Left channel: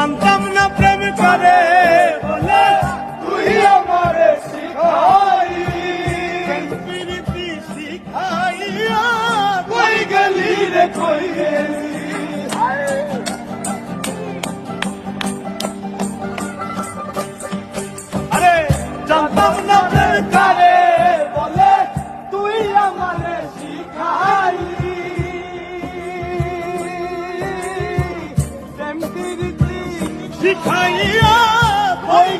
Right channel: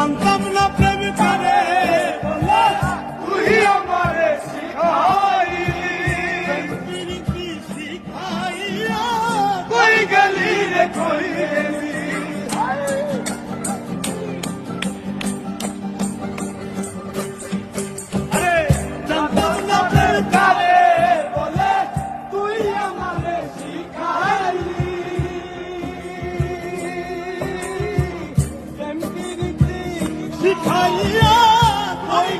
জানতাম না প্রেম করে বলে তুই আমারে শিখাইলি প্রীতি শিখাইয়া কই গেলি রে কই গেলি আরে জানতাম না প্রেম করে বলে তুই আমারে শিখাইলি প্রেম প্রীতি শিখাইয়া কই